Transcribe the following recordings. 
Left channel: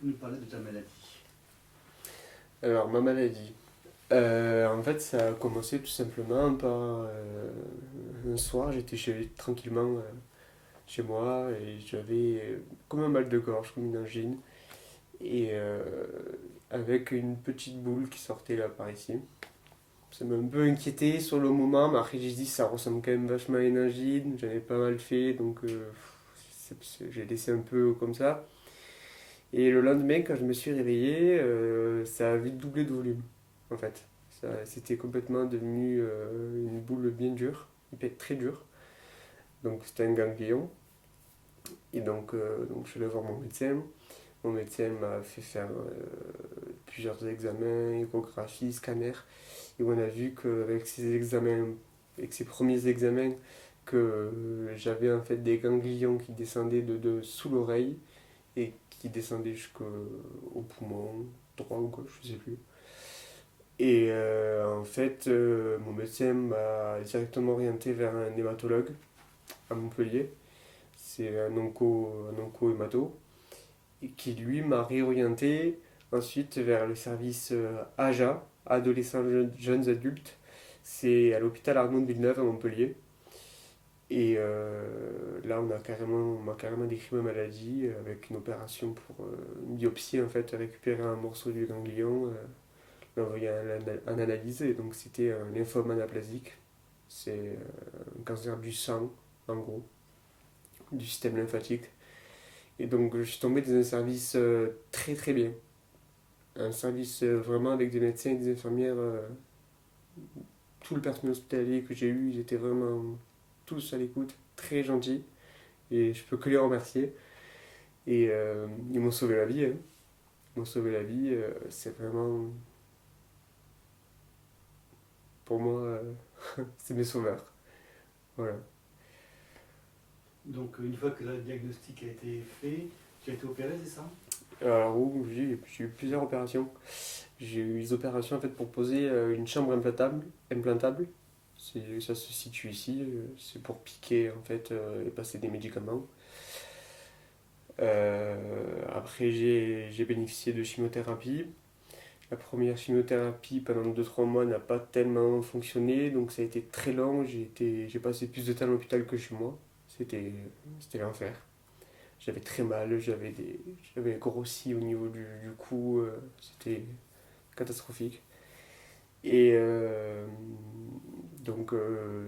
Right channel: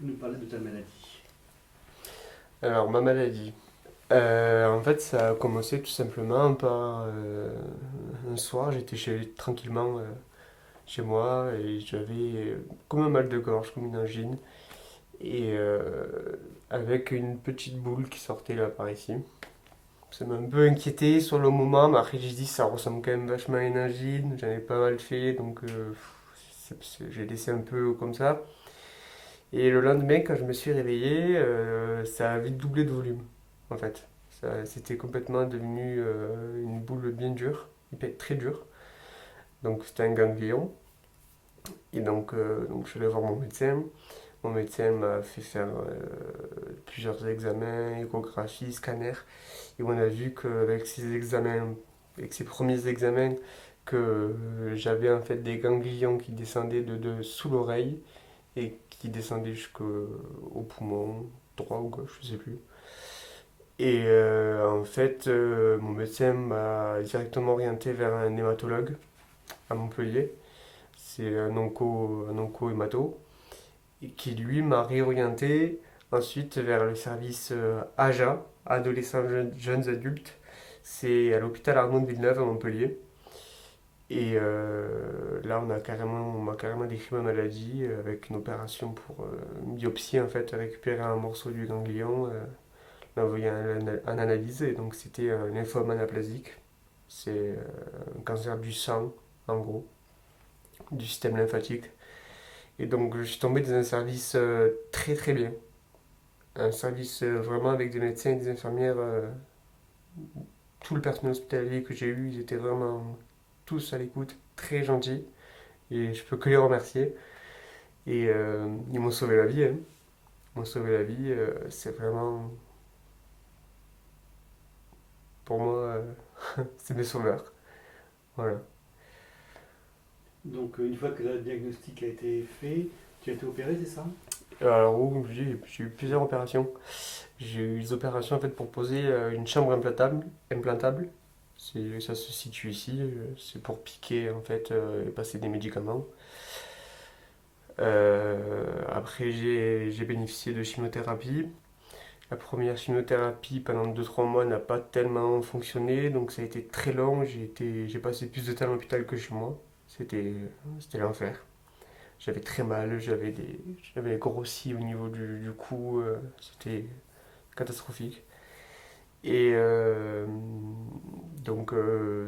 nous parler de ta maladie. Alors, ma maladie. En fait, ça a commencé tout simplement par un soir, tranquillement chez moi et j'avais comme un mal de gorge, comme une angine, et avec une petite boule qui sortait là par ici. Ça m'a un peu inquiété sur le moment, mais après j'ai dit ça ressemble quand même vachement à une angine, j'en ai pas mal fait, donc j'ai laissé un peu comme ça. Et le lendemain, quand je me suis réveillé, ça a vite doublé de volume, en fait. C'était complètement devenu une boule bien dure, très dure. Donc c'était un ganglion. Et donc je suis allé voir mon médecin. Mon médecin m'a fait faire plusieurs examens, échographie, scanner. Et on a vu qu'avec ces examens, avec ces premiers examens, que j'avais en fait des ganglions qui descendaient de sous l'oreille et qui descendait jusqu'au poumon, droit ou gauche, je sais plus. Et en fait, mon médecin m'a directement orienté vers un hématologue à Montpellier. C'est un onco-hémato, et qui lui m'a réorienté ensuite vers le service AJA, adolescents jeunes adultes. C'est à l'hôpital Arnaud de Villeneuve à Montpellier. Et là, on m'a carrément décrit ma maladie avec une opération pour une biopsie, en fait, récupérer un morceau du ganglion, l'envoyer en analyse. Et donc, c'était un lymphome anaplasique. C'est un cancer du sang, en gros, du système lymphatique. Et donc, je suis tombé dans un service très très bien. Un service vraiment avec des médecins et des infirmières. Tout le personnel hospitalier que j'ai eu, ils étaient vraiment tous à l'écoute, très gentils. Et je peux que les remercier. Et ils m'ont sauvé la vie, hein. Ils m'ont sauvé la vie. C'est vraiment, pour moi, c'est mes sauveurs. Voilà. Donc, une fois que le diagnostic a été fait, tu as été opéré, c'est ça? Alors, j'ai eu plusieurs opérations. J'ai eu des opérations en fait pour poser une chambre implantable. Ça se situe ici. C'est pour piquer en fait et passer des médicaments. Après, j'ai bénéficié de chimiothérapie. La première chimiothérapie pendant 2 3 mois n'a pas tellement fonctionné, donc ça a été très long. J'ai passé plus de temps à l'hôpital que chez moi. C'était, c'était l'enfer. J'avais très mal, j'avais grossi au niveau du cou, c'était catastrophique. Et donc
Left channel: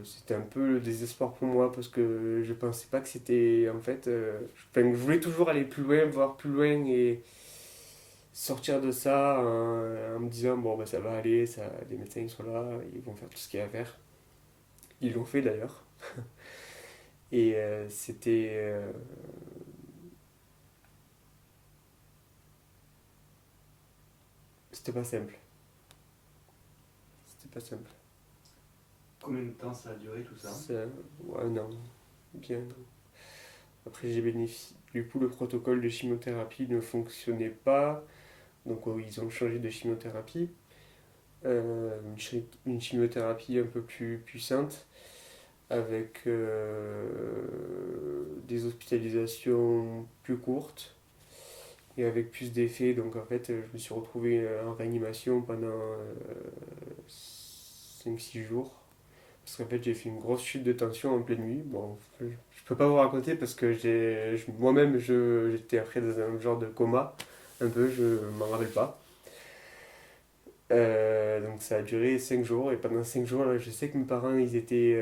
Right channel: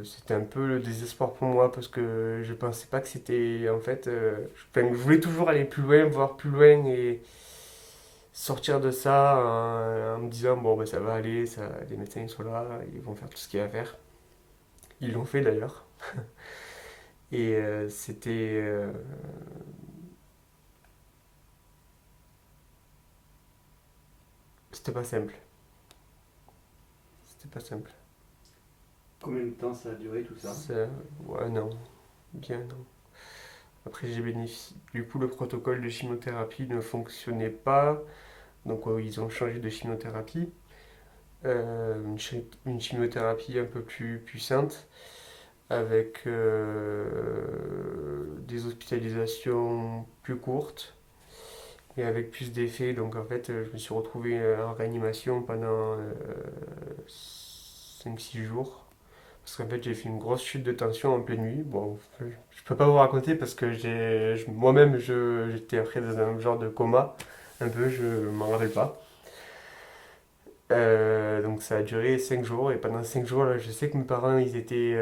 c'était un peu le désespoir pour moi parce que je pensais pas que c'était en fait. Je voulais toujours aller plus loin, voir plus loin et sortir de ça en me disant bon ben ça va aller, les médecins ils sont là, ils vont faire tout ce qu'il y a à faire. Ils l'ont fait d'ailleurs. Et c'était pas simple. C'était pas simple. Combien de temps ça a duré tout ça? Ça, ouais non, bien non. Après j'ai bénéficié. Du coup le protocole de chimiothérapie ne fonctionnait pas. Donc ils ont changé de chimiothérapie, une chimiothérapie un peu plus puissante, avec des hospitalisations plus courtes et avec plus d'effets. Donc en fait, je me suis retrouvé en réanimation pendant 5 6 jours. Parce qu'en fait, j'ai fait une grosse chute de tension en pleine nuit. Bon, je peux pas vous raconter parce que moi-même, j'étais après dans un genre de coma. Un peu, je m'en rappelle pas. Donc ça a duré 5 jours et pendant 5 jours là, je sais que mes parents ils étaient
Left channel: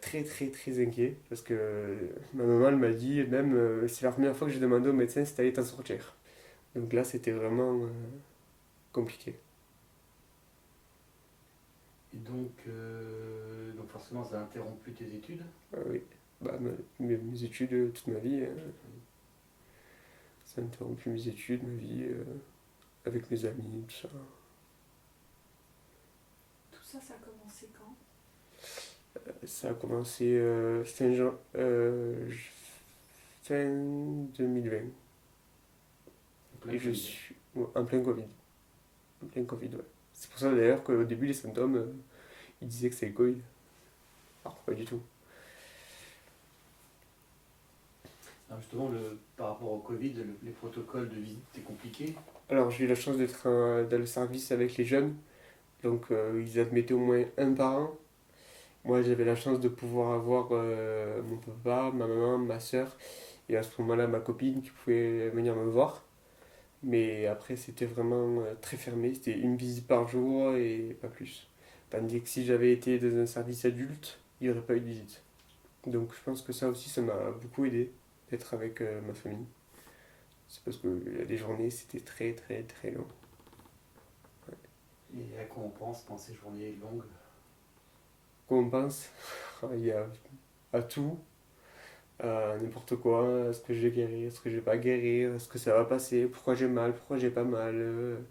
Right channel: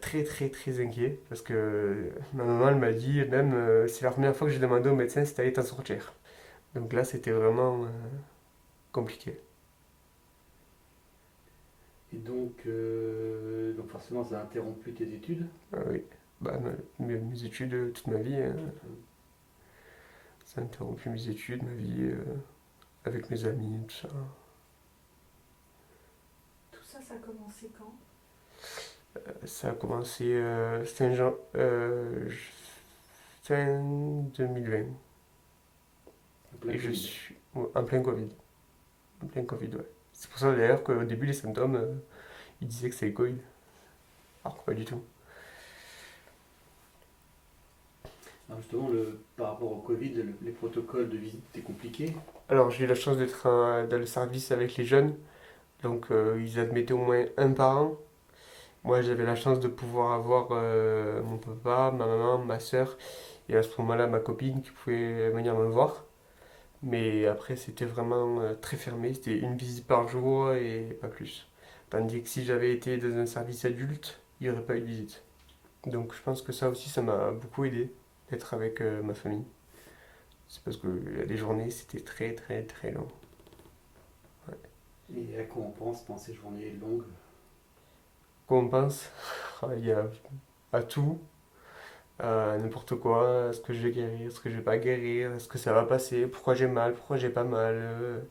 très très très inquiets parce que ma maman elle m'a dit même c'est la première fois que j'ai demandé au médecin si t'allais t'en sortir. Donc là c'était vraiment compliqué. Et donc forcément, ça a interrompu tes études. Oui, mes études toute ma vie, hein. Ça a interrompu mes études, ma vie avec mes amis, tout ça. Tout ça, ça a commencé quand? Ça a commencé fin 2020 En plein et je Covid. suis en plein Covid. En plein Covid, ouais. C'est pour ça d'ailleurs qu'au début, les symptômes, ils disaient que c'est le Covid. Alors, pas du tout. Alors justement, par rapport au Covid, les protocoles de visite étaient compliqués. Alors j'ai eu la chance d'être dans le service avec les jeunes, donc ils admettaient au moins un par an. Moi j'avais la chance de pouvoir avoir mon papa, ma maman, ma soeur et à ce moment-là ma copine qui pouvait venir me voir. Mais après c'était vraiment très fermé, c'était une visite par jour et pas plus. Tandis que si j'avais été dans un service adulte, il n'y aurait pas eu de visite. Donc je pense que ça aussi ça m'a beaucoup aidé d'être avec ma famille. C'est parce qu'il y a des journées c'était très très très long. Et à quoi on pense pendant ces journées longues? Quoi on pense? Il y a à tout, à n'importe quoi. Est-ce que je vais guérir? Est-ce que je vais pas guérir? Est-ce que ça va passer? Pourquoi j'ai mal? Pourquoi j'ai pas mal?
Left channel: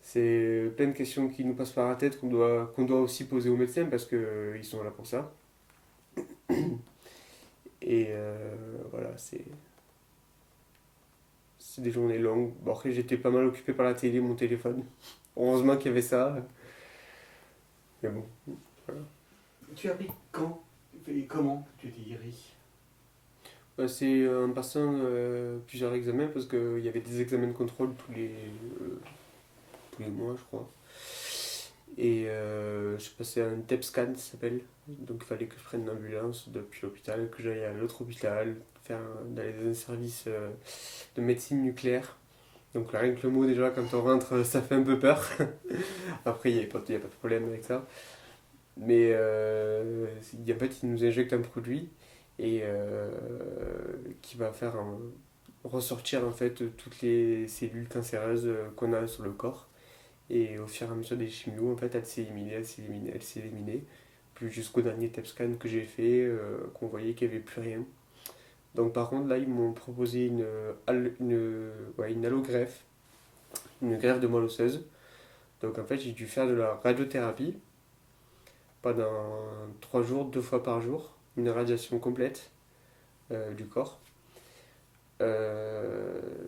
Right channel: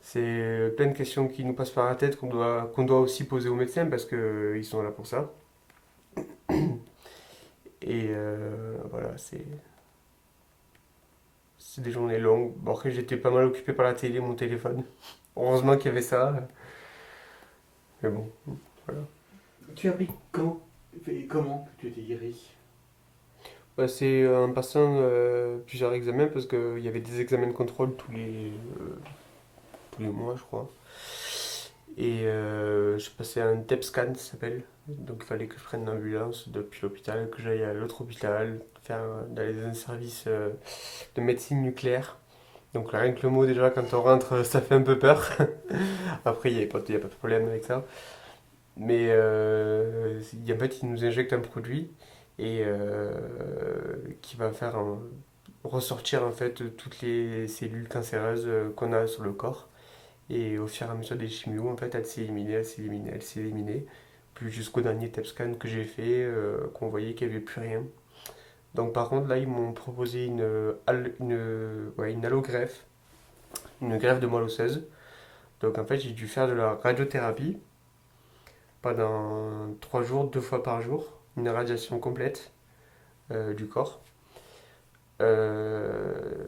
C'est plein de questions qui nous passent par la tête qu'on doit aussi poser aux médecins parce qu'ils sont là pour ça. Et voilà, c'est des journées longues. Bon, après, j'étais pas mal occupé par la télé, mon téléphone. Heureusement qu'il y avait ça. Mais bon, voilà. Tu as appris quand et comment que tu étais guéri? Bah, c'est en passant plusieurs examens parce qu'il y avait des examens de contrôle tous les mois, je crois. Et je passais un TEP scan, ça s'appelle. Donc il fallait que je prenne une ambulance depuis l'hôpital, que j'aille à l'autre hôpital, d'aller dans un service de médecine nucléaire. Donc là, rien que le mot déjà, quand on rentre, ça fait un peu peur. Après, il y a pas de problème avec ça. Mais en fait, ils nous injectent un produit et qui va faire ressortir en fait toutes les cellules cancéreuses qu'on a sur le corps. Et au fur et à mesure des chimios, en fait, elle s'est éliminée, elle s'est éliminée, elle s'est éliminée. Puis jusqu'au dernier TEP scan que j'ai fait, qu'on voyait qu'il n'y avait plus rien. Donc par contre, là, ils m'ont proposé une allogreffe, une greffe de moelle osseuse. Donc en fait, j'ai dû faire de la radiothérapie pendant 3 jours, 2 fois par jour, une radiation complète du corps.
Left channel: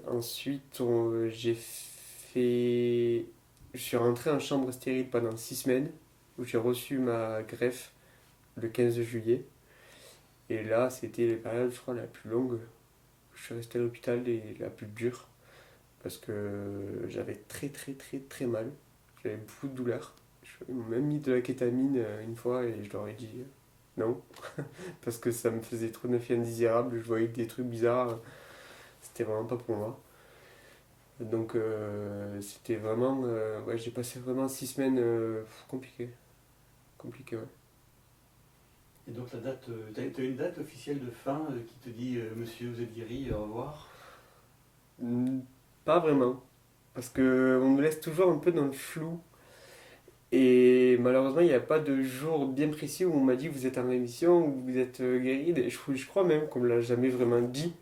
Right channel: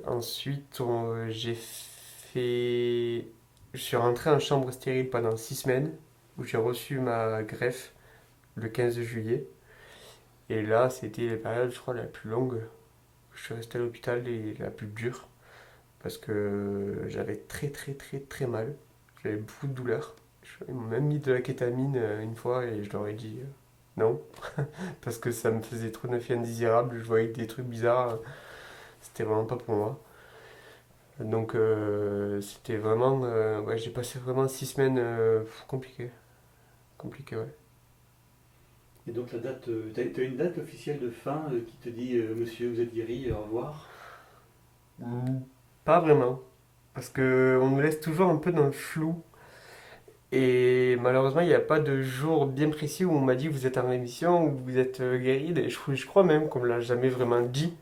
Ensuite, j'ai fait. Je suis rentré en chambre stérile pendant 6 semaines, où j'ai reçu ma greffe le 15 juillet. Et là, c'était la période, je crois, la plus longue. Je suis resté à l'hôpital et la plus dure, parce que j'avais très très très très mal. J'avais beaucoup de douleurs. Ils m'ont même mis de la kétamine une fois et je leur ai dit non, parce que ça me faisait trop d'effets indésirables. Je voyais des trucs bizarres. C'était vraiment pas pour moi. Donc c'était vraiment. Ouais, j'ai passé vraiment 6 semaines compliquées. Compliquées, ouais. Et donc la date, t'as une date officielle de fin qui te dit monsieur, vous êtes guéri, au revoir? Hmm, Pas vraiment. Parce que on me laisse toujours un peu dans le flou. Et malheureusement, il n'y a pas de jour bien précis où on m'a dit vous êtes en rémission ou vous êtes guéri. Et je crois même qu'on me l'a jamais vraiment dit.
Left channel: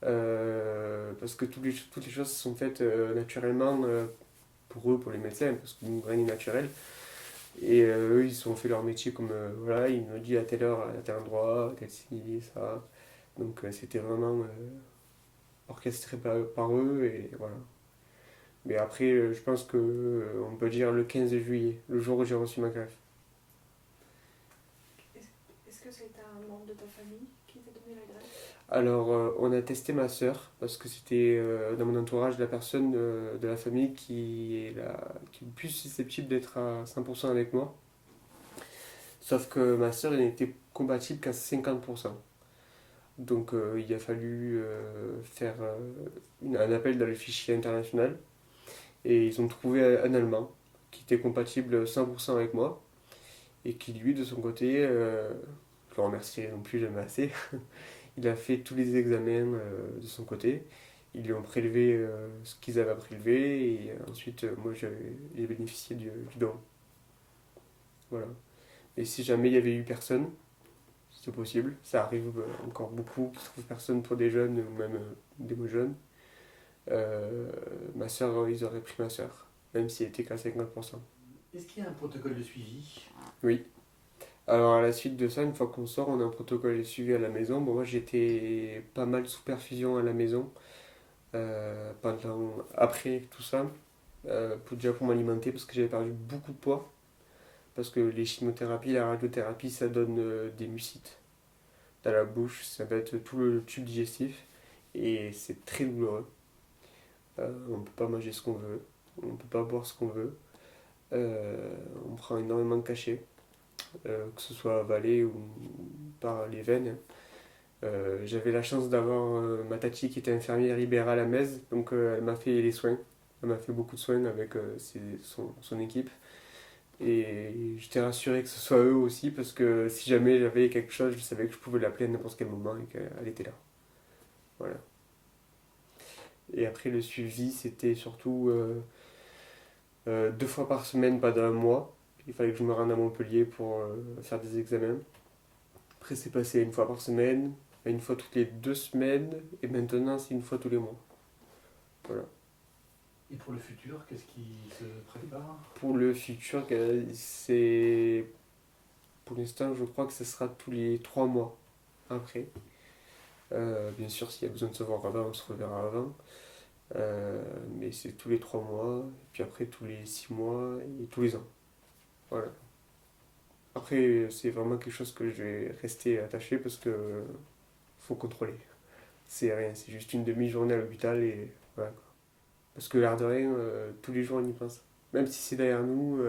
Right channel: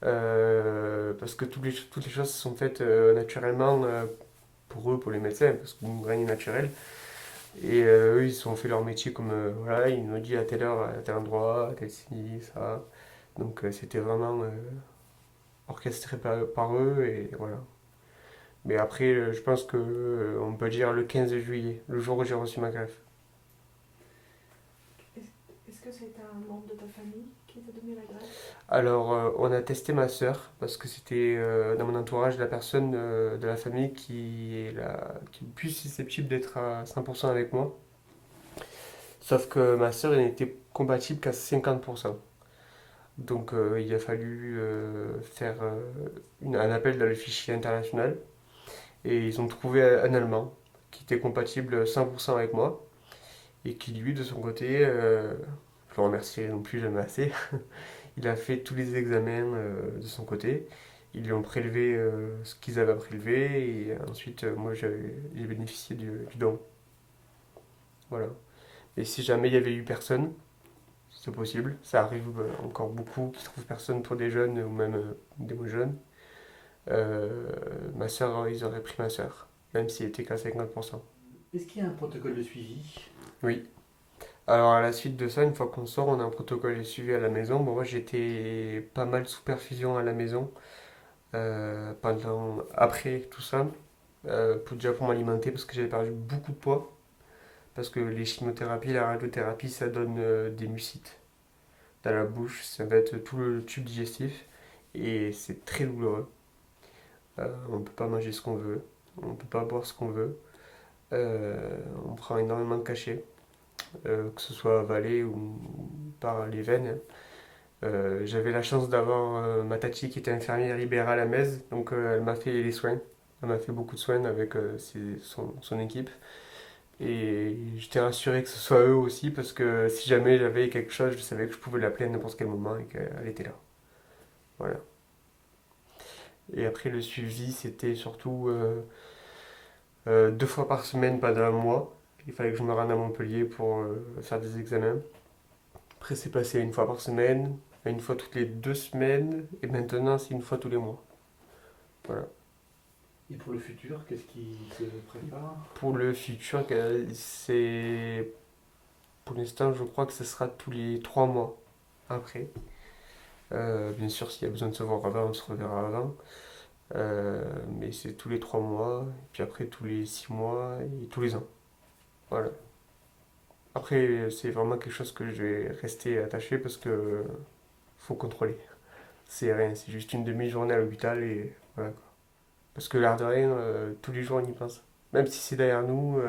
Parce que toutes les choses sont faites naturellement pour eux, pour les médecins, parce qu'on rien n'est naturel. Et eux, ils ont fait leur métier comme voilà, ils nous ont dit à telle heure, à tel endroit, tel ci, ça. Donc c'était vraiment orchestré par eux et voilà. Mais après, je pense que on peut dire le 15 juillet, le jour où j'ai reçu ma greffe. Est-ce que c'est un membre de ta famille qui t'a donné la greffe? Alors, on a testé ma sœur parce que c'était dans mon entourage la personne de la famille qui est le plus susceptible d'être à 100% avec moi. Sauf que ma sœur, elle n'était compatible qu'à 50%. Donc, il a fallu faire un appel dans le fichier international et ils ont trouvé un Allemand qui était compatible 100% avec moi et qui, lui, de son côté, je le remercierai non plus jamais assez, il a fait tous les examens de son côté. Ils lui ont prélevé ce qu'ils avaient à prélever et ensuite, moi, j'ai bénéficié du don. Voilà. Et si jamais il y avait eu personne, c'est possible. Ça arrive encore beaucoup qui trouvent personne pour des jeunes ou même des moins jeunes. Ma soeur, ils auraient pris ma soeur, même si elle était qu'à 50%. Est-ce qu'il y a un protocole de suivi? Oui. Alors à la suite de ça, une fois qu'on sort, on a un protocole de suivi à la maison. Bon, moi j'étais pas mal sous perfusion à la maison après tout ça, déjà pour m'alimenter parce que j'avais perdu beaucoup de poids. Parce que les chimiothérapies, la radiothérapie, ça donne des mucites. dans la bouche, ça va être tout le tube digestif et c'est très douloureux. On ne peut pas manger ce qu'on veut, on ne peut pas boire ce qu'on veut. On prend énormément de cachets, que ce soit avalé ou par les veines. J'avais la chance d'avoir ma tati qui était infirmière libérale à Metz, donc elle m'a fait les soins. Elle m'a fait beaucoup de soins avec son équipe. Et j'étais rassuré que ce soit eux aussi, parce que si jamais j'avais quelque chose, je savais que je pouvais l'appeler à n'importe quel moment et qu'elle était là. Voilà. Et après, le suivi, c'était surtout 2 fois par semaine pendant un mois. Il fallait que je me rende à Montpellier pour faire des examens. Après, c'est passé à 1 fois par semaine, à 1 fois toutes les 2 semaines, et maintenant, c'est 1 fois tous les mois. Voilà. Et pour le futur, qu'est-ce qui se prépare? Pour le futur, c'est. Pour l'instant, je crois que ce sera tous les 3 mois après. Bien sûr, s'il y a besoin de se voir avant, on se reverra avant. Mais c'est tous les 3 mois, et puis après tous les 6 mois et tous les ans. Voilà. Après, c'est vraiment quelque chose que je vais rester attaché parce que faut contrôler. C'est rien, c'est juste une demi-journée à l'hôpital et voilà. Parce que l'air de rien, tous les jours on y pense. Même si c'est derrière nous,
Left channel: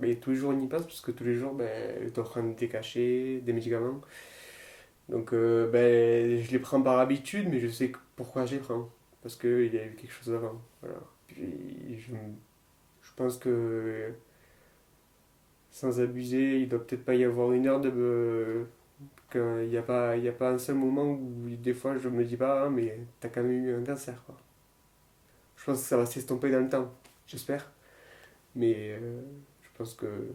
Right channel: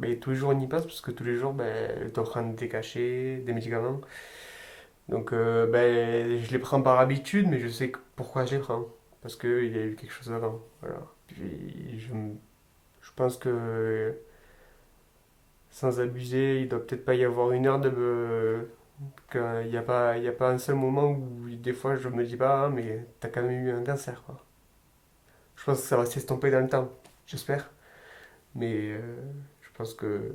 mais tous les jours on y pense parce que tous les jours, ben, je dois prendre des cachets, des médicaments. Donc, ben, je les prends par habitude, mais je sais pourquoi je les prends. Parce qu'il y a eu quelque chose avant. Voilà. Puis, je pense que, sans abuser, il doit peut-être pas y avoir une heure qu'il y a pas un seul moment où des fois je me dis pas, ah, mais t'as quand même eu un cancer, quoi. Je pense que ça va s'estomper dans le temps, j'espère. Mais je pense que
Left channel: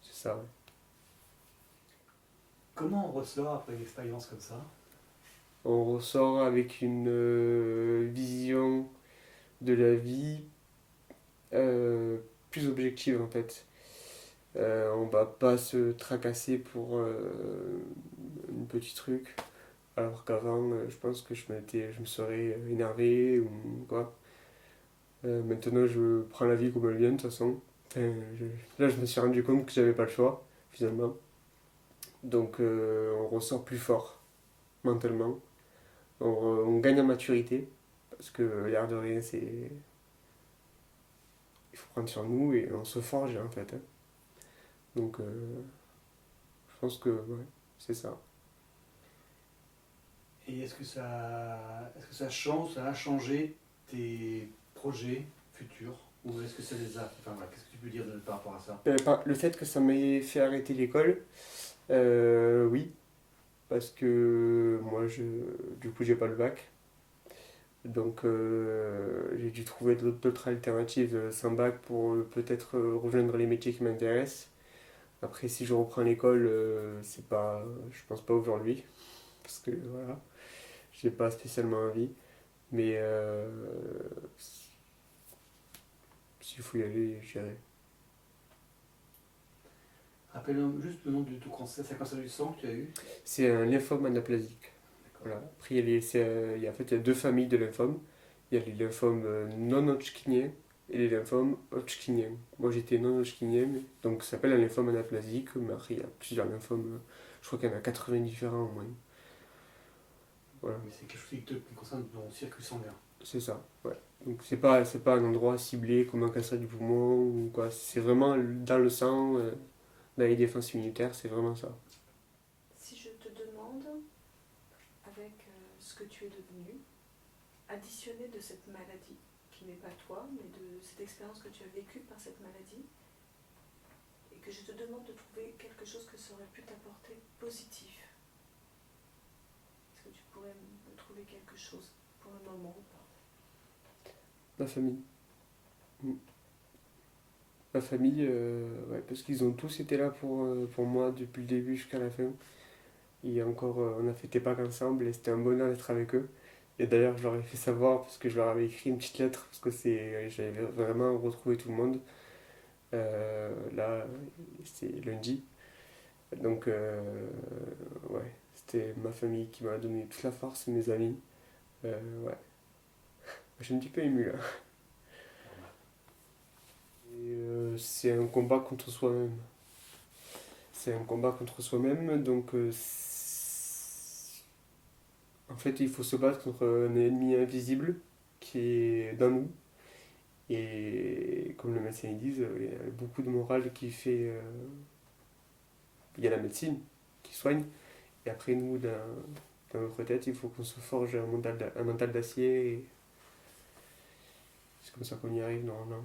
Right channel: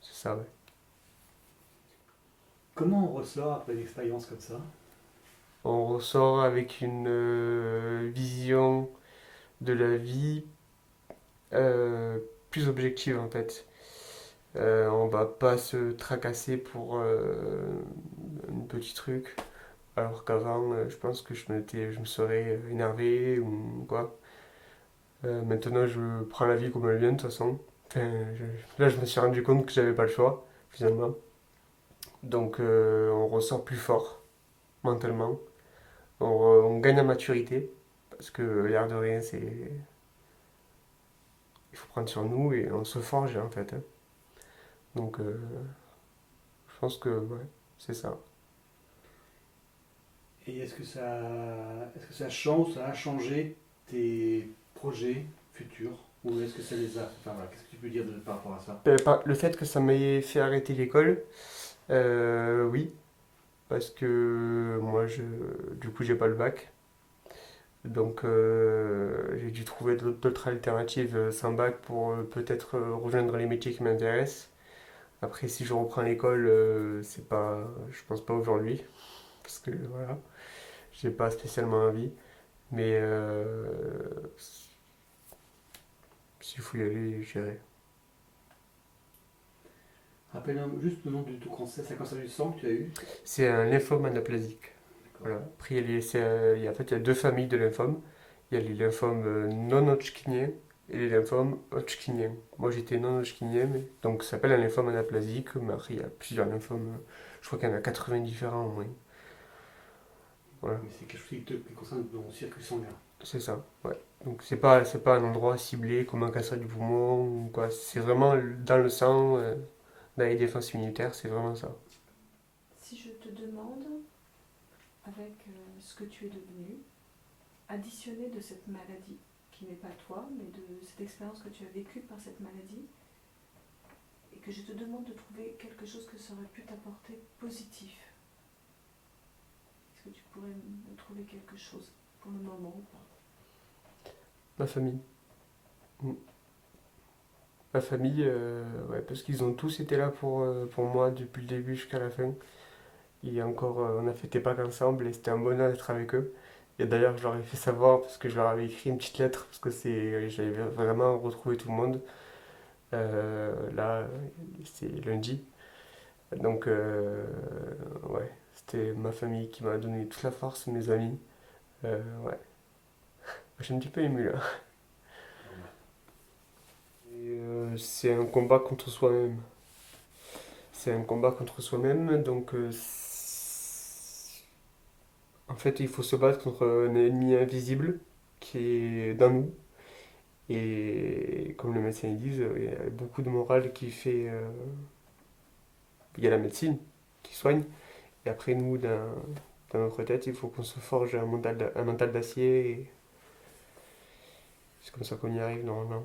c'est ça, ouais. Comment on ressort après une expérience comme ça? On ressort avec une vision de la vie euh, plus objective en fait. On va pas se tracasser pour un petit truc, alors qu'avant, je pense que je me serais énervé ou quoi. Maintenant, je prends la vie comme elle vient de toute façon. Enfin, là, je me suis rendu compte que j'avais pas le choix, finalement. Donc, on ressort plus fort mentalement. On gagne en maturité, parce que l'air de rien, c'est. Il faut prendre sur nous et on se forge en fait, hein. Donc, je pense que ouais, c'est ça. Et est-ce que ça change, ça a changé tes projets futurs? Ou est-ce que ça les a... Enfin voilà, qu'est-ce que tu peux dire par rapport à ça? Le fait que ça m'ait fait arrêter l'école, oui, parce que moi, du coup, j'ai pas le bac. Donc, j'ai dû trouver d'autres alternatives sans bac pour peut-être rejoindre les métiers qui m'intéressent. Après, si je reprends l'école, c'est pas, je pense pas aujourd'hui, parce que voilà, j'ai pas spécialement envie. Mais s'il faut y aller, j'irai. Rappelle juste le nom du tout cancer, c'est un cancer du sang que tu as eu? C'est un lymphome anaplasique. D'accord. Voilà. Après, en fait, il y a 2 familles de lymphomes. Il y a les lymphomes non hodgkiniens et les lymphomes hodgkiniens. Moi, j'étais non hodgkinien, donc ça s'appelle un lymphome anaplasique, mais après, il y a plusieurs lymphomes. Je crois qu'il y en a 80 différents au moins. Voilà, Mais c'est quelque chose qui concerne ton circuit sanguin. c'est ça. Ouais. Donc, c'est pas un endroit ciblé comme un cancer du poumon ou quoi. C'est vraiment dans le sang, dans les défenses immunitaires, c'est vraiment ça. Si je te demande, avec ce que tu es devenu, additionné de cette maladie, qui n'est pas toi, mais de cette expérience que tu as vécue par cette maladie, et que je te demande de trouver quelque chose que ça aurait pu t'apporter positif, est-ce que tu pourrais me trouver quelque chose pour le moment ou pas? Ma famille. Mm. Ma famille, ouais, parce qu'ils ont tous été là pour moi depuis le début jusqu'à la fin. Et encore, on a fêté Pâques ensemble et c'était un bonheur d'être avec eux. Et d'ailleurs, je leur ai fait savoir parce que je leur avais écrit une petite lettre parce que j'avais vraiment retrouvé tout le monde. Là, c'est lundi. Donc, ouais, c'était ma famille qui m'a donné toute la force, mes amis. Ouais, je suis un petit peu ému là. Et, c'est un combat contre soi-même. C'est un combat contre soi-même, donc En fait, il faut se battre contre un ennemi invisible qui est dans nous. Et comme les médecins disent, il y a beaucoup de morale qui fait. Il y a la médecine qui soigne. Et après, nous, dans notre tête, il faut qu'on se forge un mental d'acier. Et c'est comme ça qu'on y arrive normalement.